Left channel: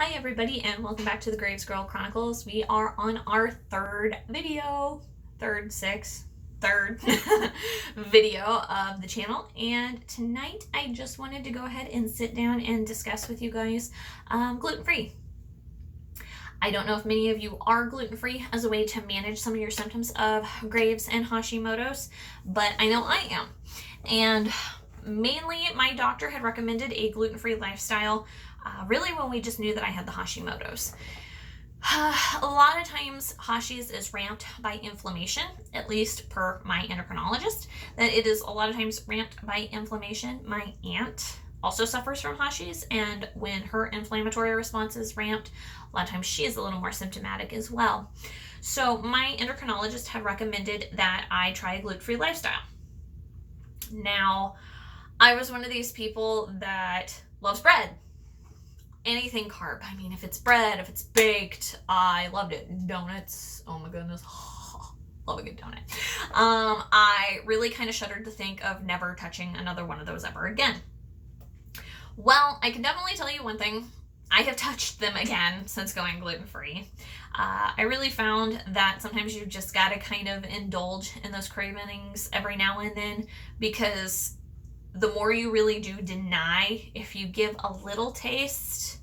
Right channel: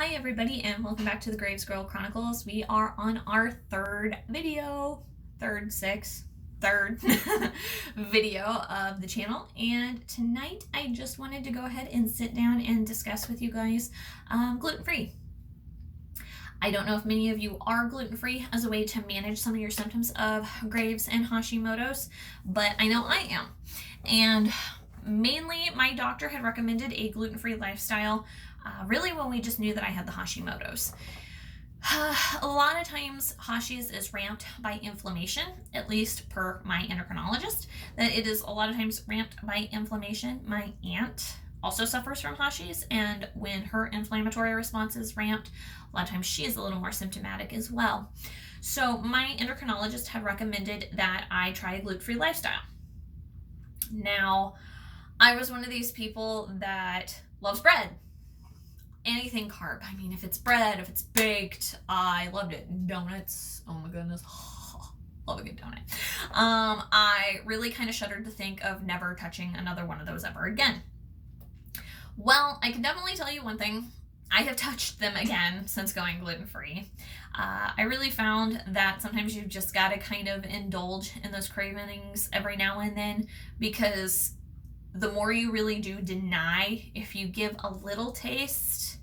Hi everybody and welcome back to the Graves Girl Chronicles. We are on our third video video of the channel, and tonight I just wanted to go ahead and sit down and discuss with you guys gluten-free. I don't know if many of you are gluten-free as a way to manage some of your symptoms of Graves and Hashimoto's, but I know I am. And mainly my doctor had recommended a gluten-free lifestyle really when we just knew that I had the Hashimoto's. A lot of times Hashi's is ramped by inflammation, at least per my endocrinologist, that it is a lot of times ramped by inflammation. My aunt also suffers from Hashi's, and when her inflammatory response is ramped, a lot of times she is a little more symptomatic as well. So my endocrinologist had recommended that I try a gluten-free lifestyle. Now, I was one of these people that loves bread. Anything carb. I mean, if it's bread, if it's baked, I loved it. Donuts, oh my goodness. Love a good donut. I really kind of shuddered to think of never touching another one of those ever again. Well, I can definitely tell you one thing. I have touched them again since going gluten-free. I really found that sometimes you've just got to kind of indulge in those cravings every now and then, because the more you really do deny, if you give a little taste,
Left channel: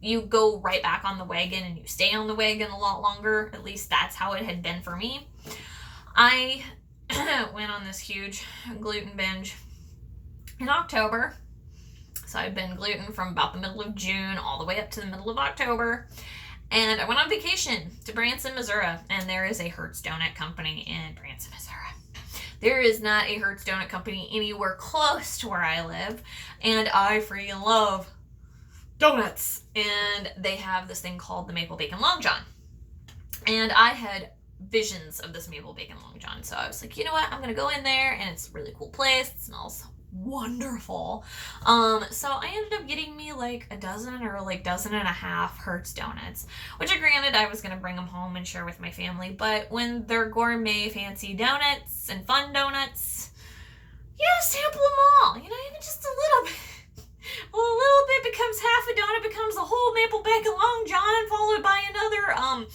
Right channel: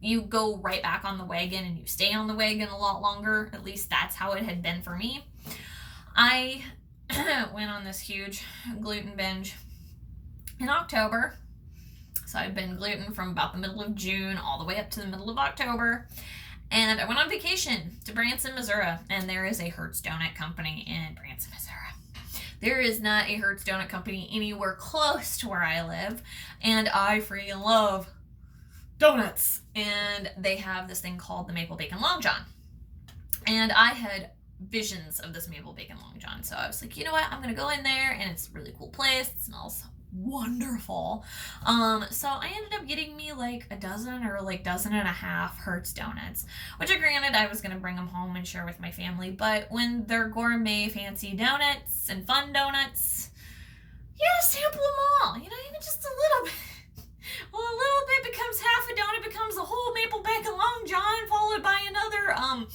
you go right back on the wagon and you stay on the wagon a lot longer. At least that's how it had been for me. I went on this huge gluten binge in October. So I've been gluten from about the middle of June all the way up to the middle of October. And I went on vacation to Branson, Missouri, and there is a Hertz Donut Company in Branson, Missouri. There is not a Hertz Donut Company anywhere close to where I live, and I freaking love donuts. And they have this thing called the Maple Bacon Long John. And I had visions of this Maple Bacon Long John, so I was like, you know what, I'm gonna go in there, and it's a really cool place. It smells wonderful. So I ended up getting me like a dozen or like dozen and a half Hertz donuts, which granted I was going to bring them home and share with my family, but when they're gourmet fancy donuts and fun donuts, you gotta sample them all, you know, even just a little bit. Well, a little bit becomes half a donut, becomes a whole Maple Bacon Long John, followed by another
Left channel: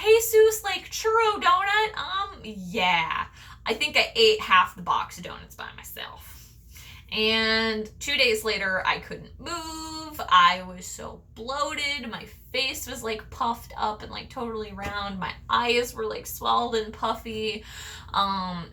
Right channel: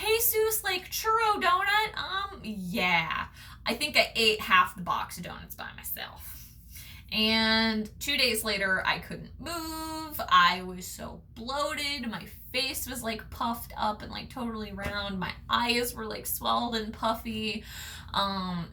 Jesus like churro donut. Yeah, I think I ate half the box of donuts by myself. And 2 days later, I couldn't move. I was so bloated. My face was like puffed up and like totally round. My eyes were like swelled and puffy.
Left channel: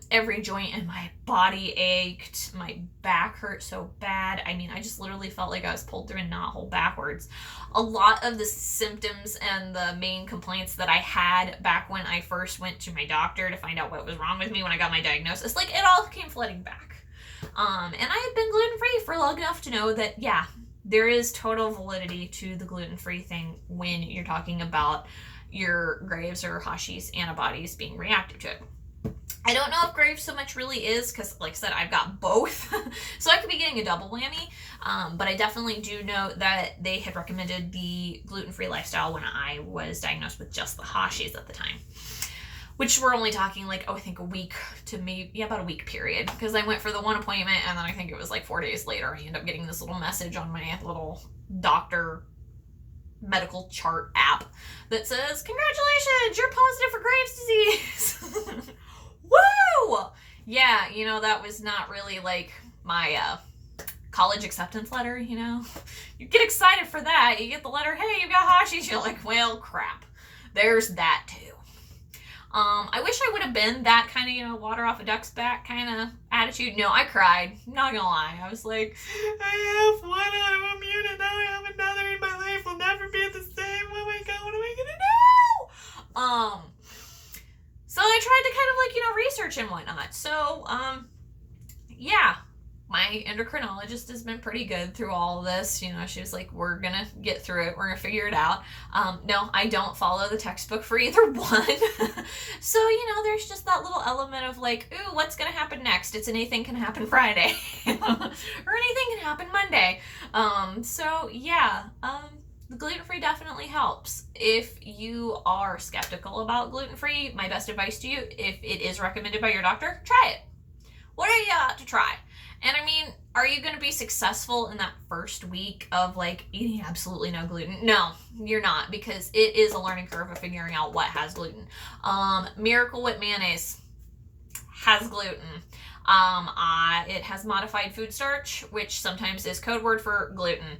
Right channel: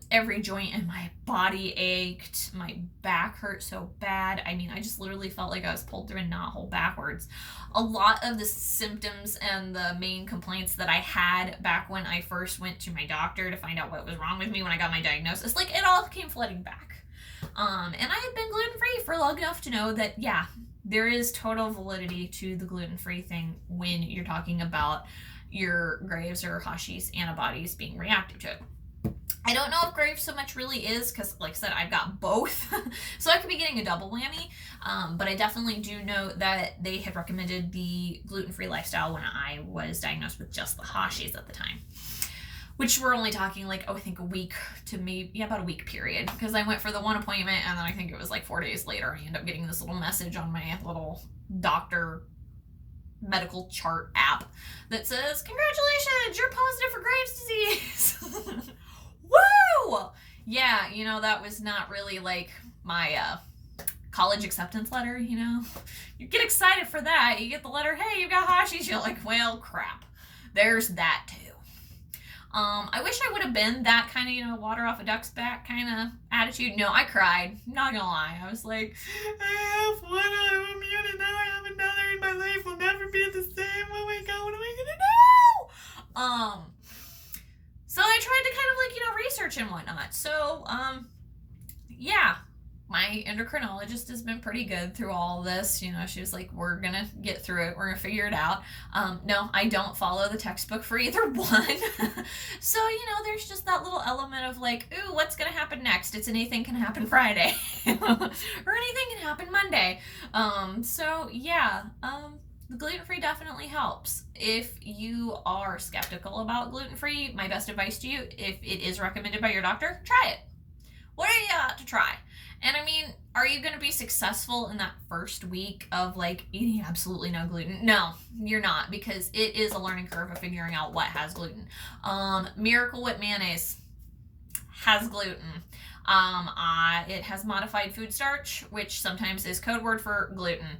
Every joint in my body ached. My back hurt so bad. I mean, I just literally felt like I was pulled through a knothole backwards. A lot of the symptoms and the main complaints that I had back when I first went to my doctor to find out what was wrong with me when I got my diagnosis, like it all came flooding back. And I had been gluten-free for long enough to know that, yeah, there is total validity to the gluten-free thing when you're talking about your Graves or Hashi's antibodies being reactive to it. I don't know if Graves so much really is, because like I said, I've got both. So I could be getting a double whammy. But I definitely do know that they had recommended the gluten-free lifestyle when I was diagnosed with just the Hashi's at the time. Which we're only talking like, I think a week to maybe, yeah, about a week period. Because I went for the one appointment, and then I think it was like 4 days later, I ended up getting this little message on my little doctor medical chart app that says, congratulations, you're positive for Graves' disease. Woo! Yeah, you know, that was not really like my college acceptance letter, you know. You get excited for that. You get the letter, hey, you got Hashi's. You're like, well, crap. There's that too. I wish I would have been that kind of, you know, water off a duck's back kind of attitude. No, I cried. Not gonna lie. I was like, I have one autoimmune and now I have another, and my life will never be the same. Oh my God, what am I gonna do? So I tried to kind of like, you know, research and whatnot. So, yeah. My endocrinologist has been pretty good through all of this. You know, she was like, we're going to get through it. We're going to figure it out. No, I don't follow the textbook for either one. So, you know, there's just that little element of like, ooh, what's going to happen next? It's anything can happen Friday or anything can happen Monday. So yeah, the gluten-free definitely helps. If you are skeptical about gluten-free, my best advice to you, if it is recommended by your doctor, try it. What are you to try? And I mean, are you going to be successful in that first week of like eating absolutely no gluten? No, you're not, because it is a learning curve of figuring out what has gluten. Miracle Whip mayonnaise has gluten. It has modified food starch, which sometimes is code word for gluten.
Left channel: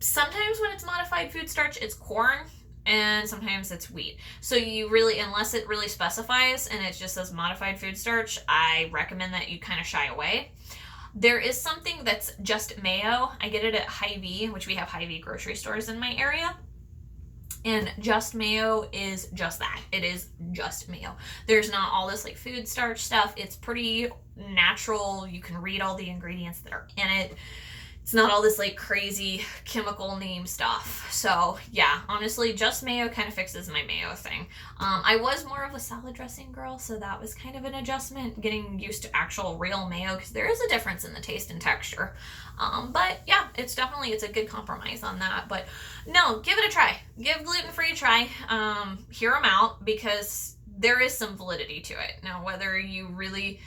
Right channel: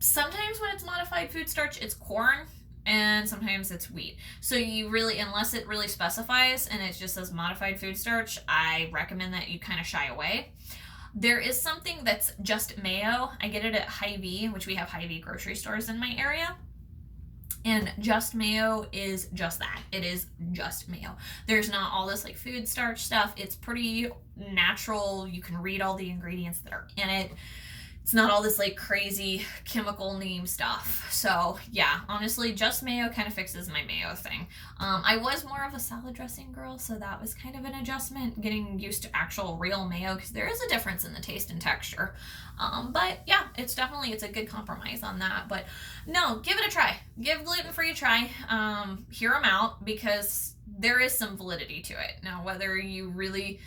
Sometimes when it's modified food starch, it's corn, and sometimes it's wheat. So you really, unless it really specifies and it just says modified food starch, I recommend that you kind of shy away. There is something that's just mayo. I get it at Hy-Vee, which we have Hy-Vee grocery stores in my area. And just mayo is just that. It is just mayo. There's not all this like food starch stuff. It's pretty natural. You can read all the ingredients that are in it. It's not all this like crazy chemical name stuff. So yeah, honestly, just mayo kind of fixes my mayo thing. I was more of a salad dressing girl, so that was kind of an adjustment, getting used to actual real mayo, because there is a difference in the taste and texture. But yeah, it's a good compromise on that. But no, give it a try. Give gluten-free a try. Hear them out, because there is some validity to it. Now, whether you really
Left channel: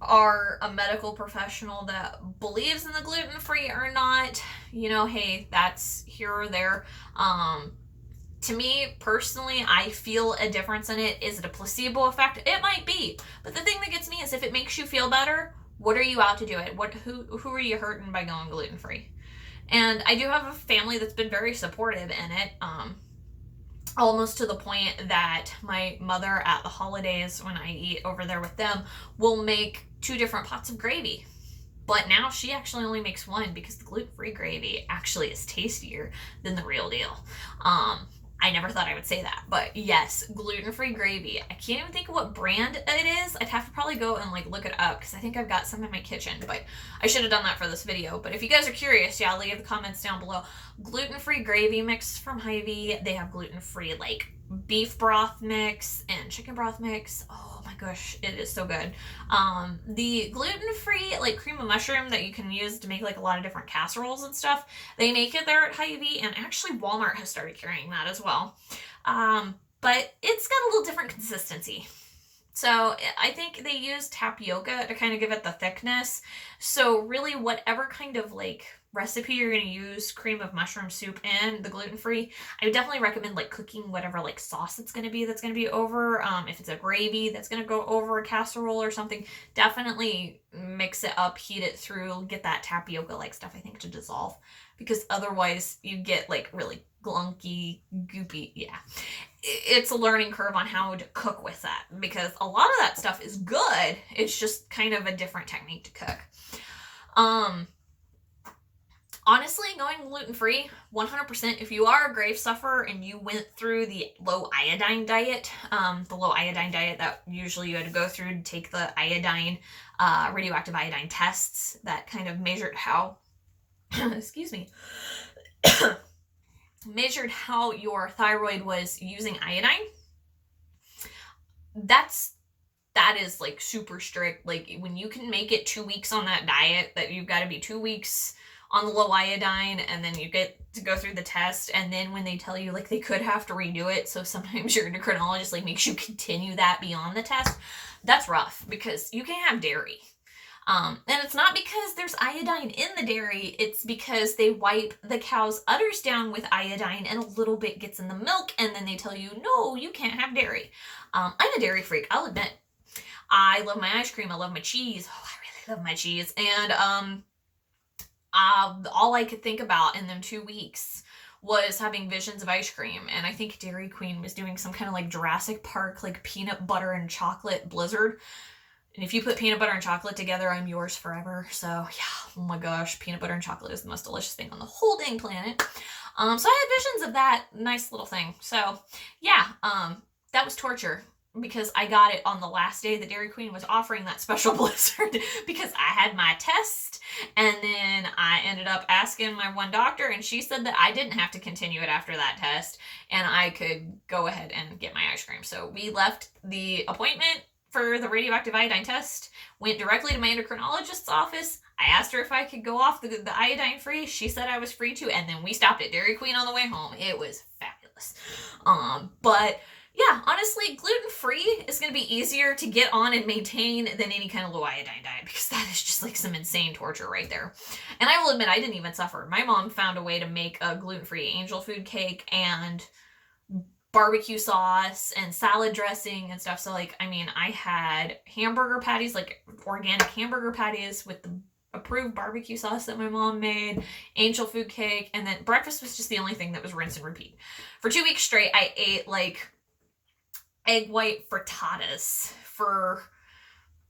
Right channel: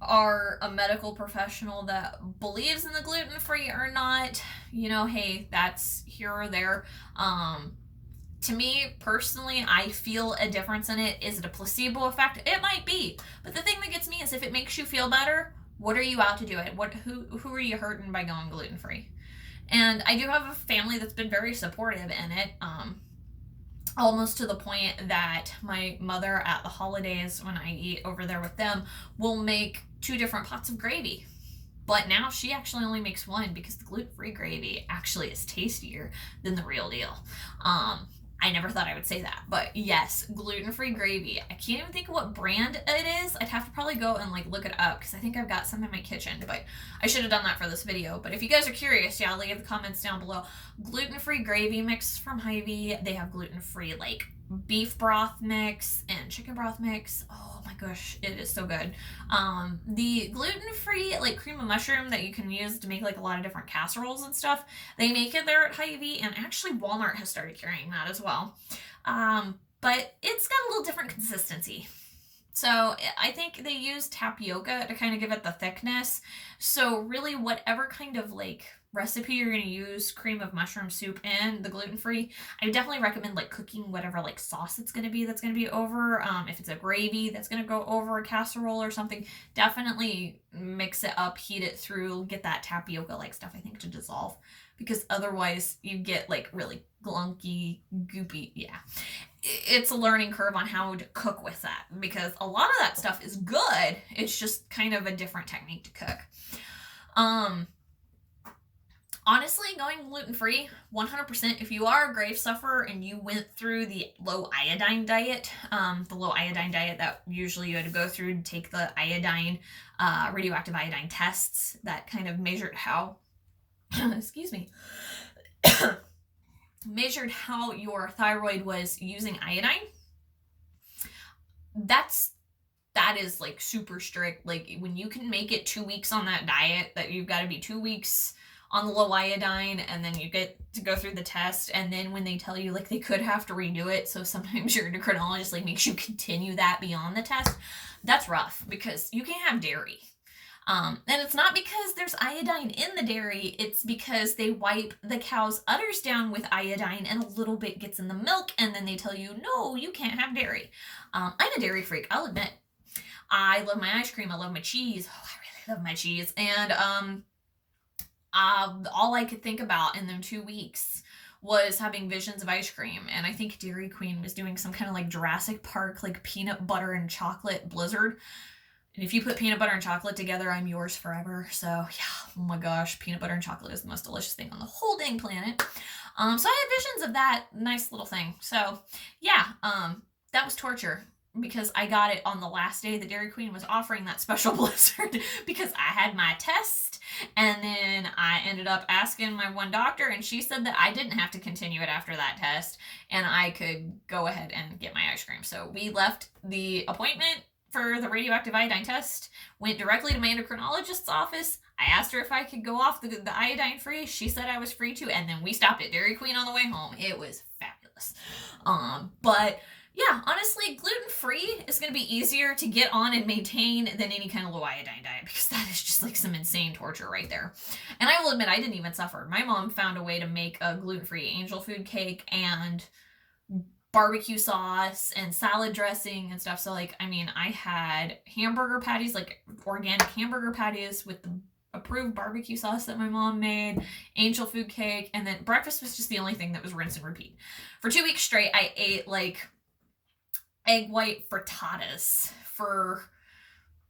are a medical professional that believes in the gluten-free or not, hey, that's here or there. To me personally, I feel a difference in it. Is it a placebo effect? It might be, but the thing that gets me is if it makes you feel better, what are you out to do it? Who are you hurting by going gluten-free? And I do have a family that's been very supportive in it. Almost to the point that my mother at the holidays, when I eat over there with them, will make 2 different pots of gravy. But now she actually only makes one, because the gluten-free gravy actually is tastier than the real deal. I never thought I would say that, but yes, gluten-free gravy. I can't even think of what brand it is. I'd have to probably go and like look it up, because I think I've got some in my kitchen, but I should have done that for this video. But if you guys are curious, yeah, leave the comments down below. Gluten-free gravy mix from Hy-Vee. They have gluten-free like beef broth mix and chicken broth mix. Oh my gosh, it is so good. The gluten-free like cream of mushroom that you can use to make like a lot of different casseroles and stuff, they make it there at Hy-Vee, and actually Walmart has started carrying that as well. But it's got a little different consistency. So I think they use tapioca to kind of give it the thickness. So really, whatever kind of like recipe you're going to use cream of mushroom soup in, the gluten-free, I would definitely recommend like cooking whatever like sauce it's going to be over. If it's a gravy that's going to go over a casserole or something, definitely mix it up, heat it through, get that tapioca like stuff, I think, to dissolve, because otherwise you get like really glunky, goopy. Yeah, it's a learning curve on how to cook with that, because a lot of that stuff is good. It's just kind of a different technique to cook. Honestly, going gluten-free, 100%, if you are a grave sufferer and you went through the low iodine diet, that usually you had to go through to take the iodine, radioactive iodine tests that kind of measured how, excuse me, measured how your thyroid was using iodine. That is like super strict. Like when you can make it 2 weeks on that diet, that you've got to be 2 weeks on the low iodine, and then you get to go through the test, and then when they tell you like they could have to redo it, so sometimes your endocrinologist like makes you continue that beyond the test, that's rough, because you can't have dairy. And it's not because there's iodine in the dairy, it's because they wipe the cow's udders down with iodine and a little bit gets in the milk, and then they tell you, no, you can't have dairy. I'm a dairy freak, I'll admit. I love my ice cream, I love my cheese. Oh, I really love my cheese. And all I could think about in them 2 weeks was having visions of ice cream. And I think Dairy Queen was doing some kind of like Jurassic Park, like peanut butter and chocolate blizzard. And if you put peanut butter and chocolate together, I'm yours forever. So yeah, oh my gosh, peanut butter and chocolate is the most delicious thing on the whole dang planet. So I had visions of that nice little thing. So yeah, that was torture, because I got it on the last day that Dairy Queen was offering that special blizzard, because I had my test, and then I ended up asking my one doctor, and she said that I didn't have to continue it after that test, and I could go ahead and get my ice cream. So we left the appointment for the radioactive iodine test, went directly to my endocrinologist's office. I asked her if I could go off the iodine free. She said I was free to, and then we stopped at Dairy Queen on the way home. It was fabulous. But yeah, honestly, gluten-free is going to be easier to get on and maintain than any kind of low iodine diet, because that is just like some insane torture right there. And I will admit, I didn't even suffer. My mom found a way to make a gluten-free angel food cake and barbecue sauce and salad dressing and stuff. So like, I mean, I had hamburger patties, like organic hamburger patties with the approved barbecue sauce that my mom made, angel food cake, and then breakfast was just the only thing that was rinse and repeat. For 2 weeks straight, I ate like egg white frittatas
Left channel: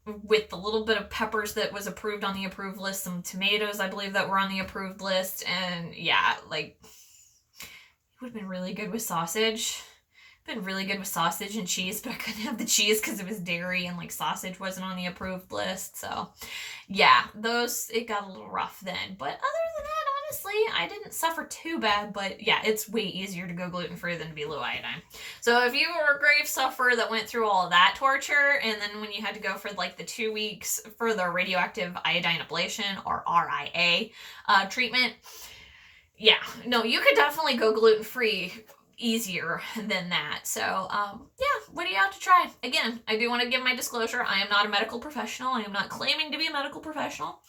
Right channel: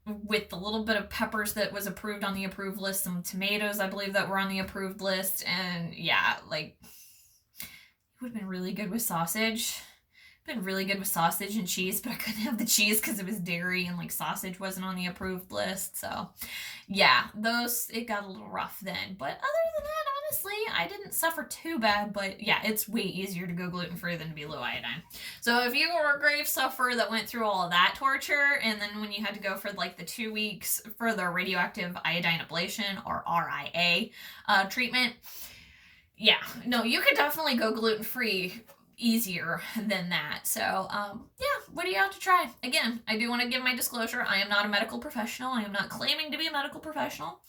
with the little bit of peppers that was approved on the approved list, some tomatoes I believe that were on the approved list, and yeah, like it would have been really good with sausage. Been really good with sausage and cheese, but I couldn't have the cheese because it was dairy and like sausage wasn't on the approved list. So yeah, it got a little rough then. But other than that, honestly, I didn't suffer too bad. But yeah, it's way easier to go gluten-free than to be low iodine. So if you were a grave sufferer that went through all of that torture, and then when you had to go for like the 2 weeks for the radioactive iodine ablation, or RIA treatment, yeah, no, you could definitely go gluten-free easier than that. So yeah, what do you have to try? Again, I do want to give my disclosure. I am not a medical professional. I am not claiming to be a medical professional.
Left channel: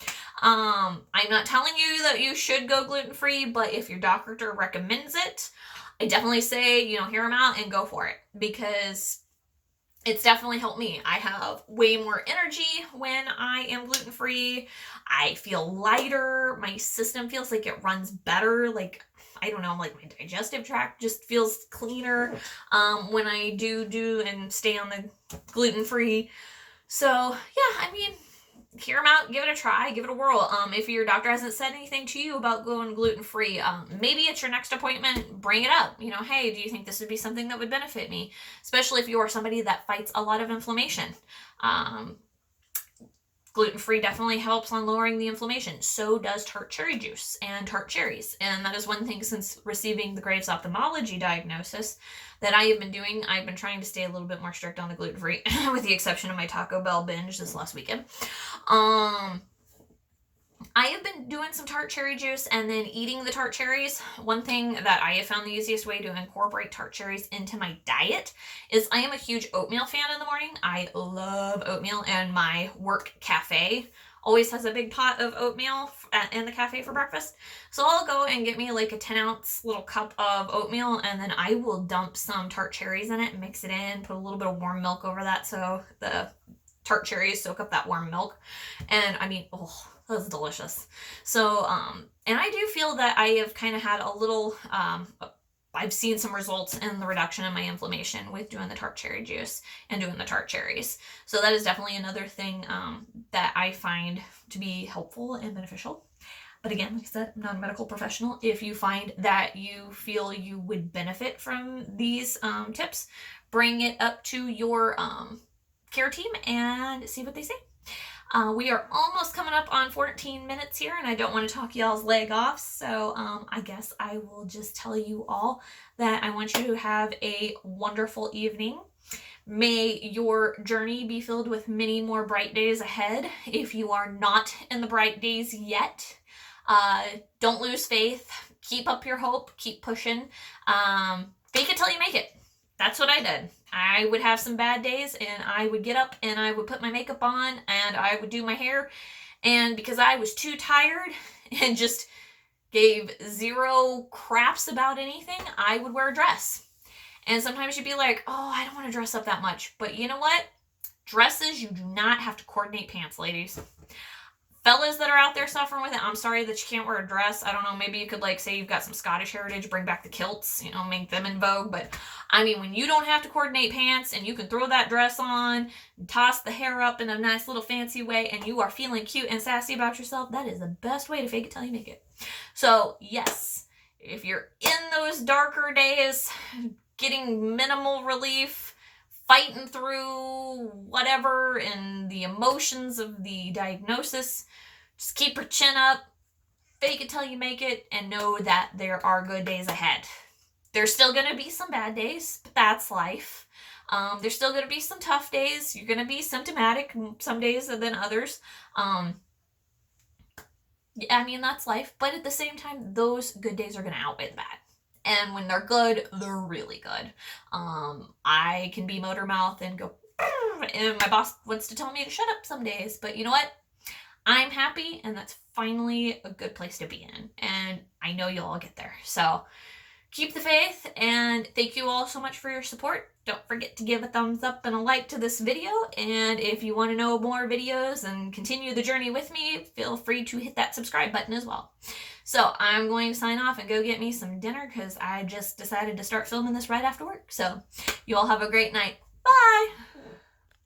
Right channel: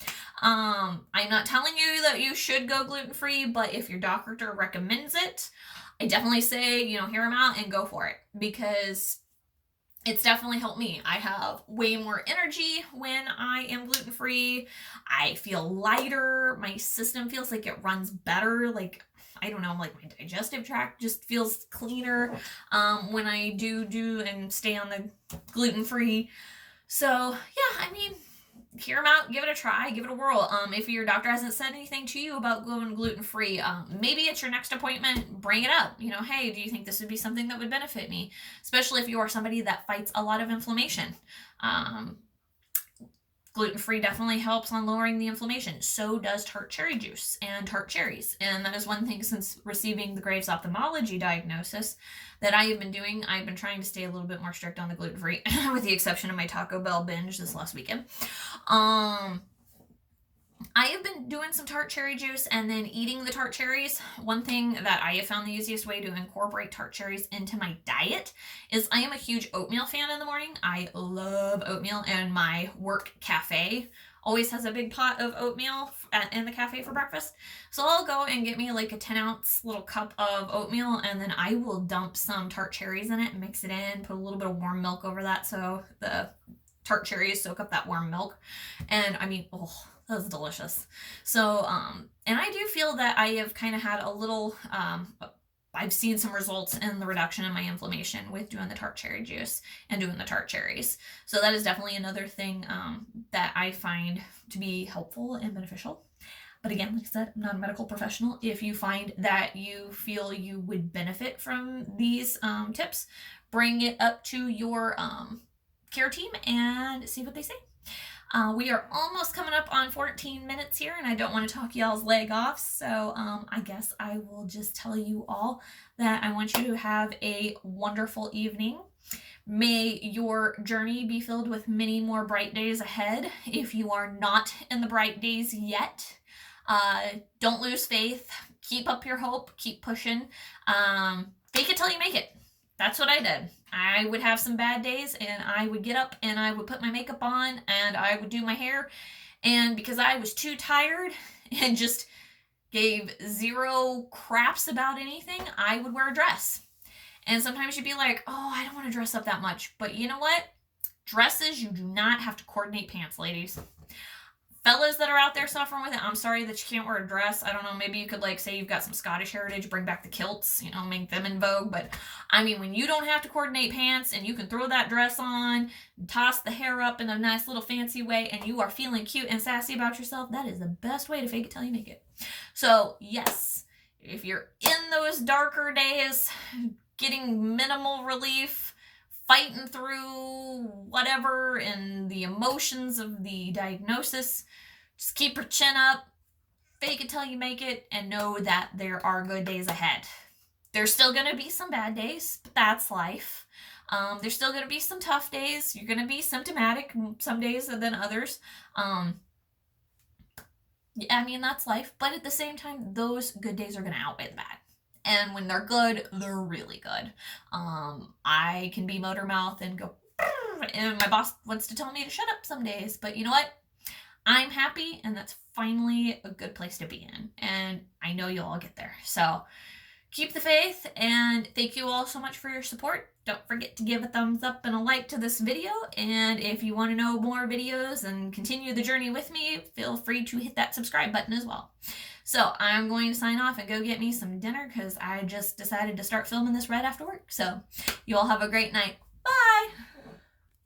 I'm not telling you that you should go gluten-free, but if your doctor recommends it, I definitely say, hear them out and go for it, because it's definitely helped me. I have way more energy when I am gluten-free. I feel lighter. My system feels like it runs better. Like, I don't know, like my digestive tract just feels cleaner when I do and stay on the gluten-free. So yeah, I mean, hear them out, give it a try, give it a whirl. If your doctor hasn't said anything to you about going gluten-free, maybe at your next appointment, bring it up. Hey, do you think this would be something that would benefit me? Especially if you are somebody that fights a lot of inflammation. Gluten-free definitely helps on lowering the inflammation. So does tart cherry juice and tart cherries. And that is one thing, since receiving the Graves' ophthalmology diagnosis, that I have been doing. I've been trying to stay a little bit more strict on the gluten-free, with the exception of my Taco Bell binge this last weekend. I have been doing some tart cherry juice and then eating the tart cherries. One thing that I have found the easiest way to incorporate tart cherries into my diet is I am a huge oatmeal fan in the morning. I love oatmeal, and my work cafe always has a big pot of oatmeal in the cafe for breakfast. So I'll go and get me like a 10-ounce little cup of oatmeal, and then I will dump some tart cherries in it and mix it in, put a little bit of warm milk over that so the tart cherries soak up that warm milk. And I mean, oh, that's delicious. So, and I do feel that I have kind of had a little, I've seen some results in the reduction in my inflammation with doing the tart cherry juice and doing the tart cherries. So that is definitely another thing that I find to be helpful and beneficial. But again, like I said, I'm not a medical professional. If you find that you feel you would benefit from these tips, bring it up to your care team and see what they say. We are almost coming up on 14 minutes here, and I don't want to talk y'all's leg off, so I guess I will just tell you all that I want you to have a wonderful evening. May your journey be filled with many more bright days ahead. If you are not in the bright days yet, don't lose faith. Keep up your hope. Keep pushing. Fake it till you make it. That's what I did. I would have some bad days, and I would get up and I would put my makeup on and I would do my hair. And because I was too tired and just gave zero craps about anything, I would wear a dress. And sometimes you'd be like, oh, I don't want to dress up that much. But you know what? Dresses, you do not have to coordinate pants, ladies. Fellas that are out there suffering with it, I'm sorry that you can't wear a dress. I don't know, maybe you could like say you've got some Scottish heritage, bring back the kilts, make them in vogue. But I mean, when you don't have to coordinate pants and you can throw that dress on, toss the hair up in a nice little fancy way, and you are feeling cute and sassy about yourself, that is the best way to fake it till you make it. So yes, if you're in those darker days, getting minimal relief, fighting through whatever and the emotions of the diagnosis, just keep your chin up, fake it till you make it, and know that there are good days ahead. There's still going to be some bad days, but that's life. There's still going to be some tough days. You're going to be symptomatic some days than others. I mean, that's life. But at the same time, those good days are going to outweigh the bad. And when they're good, they're really good. I can be motor mouth and go, and my boss wants to tell me to shut up some days, but you know what? I'm happy, and that's finally a good place to be in. And I know you'll all get there. So keep the faith, and thank you all so much for your support. Don't forget to give a thumbs up and a like to this video. And if you want to know more videos and continue the journey with me, feel free to hit that subscribe button as well. So I'm going to sign off and go get me some dinner because I just decided to start filming this right after work. So you all have a great night. Bye!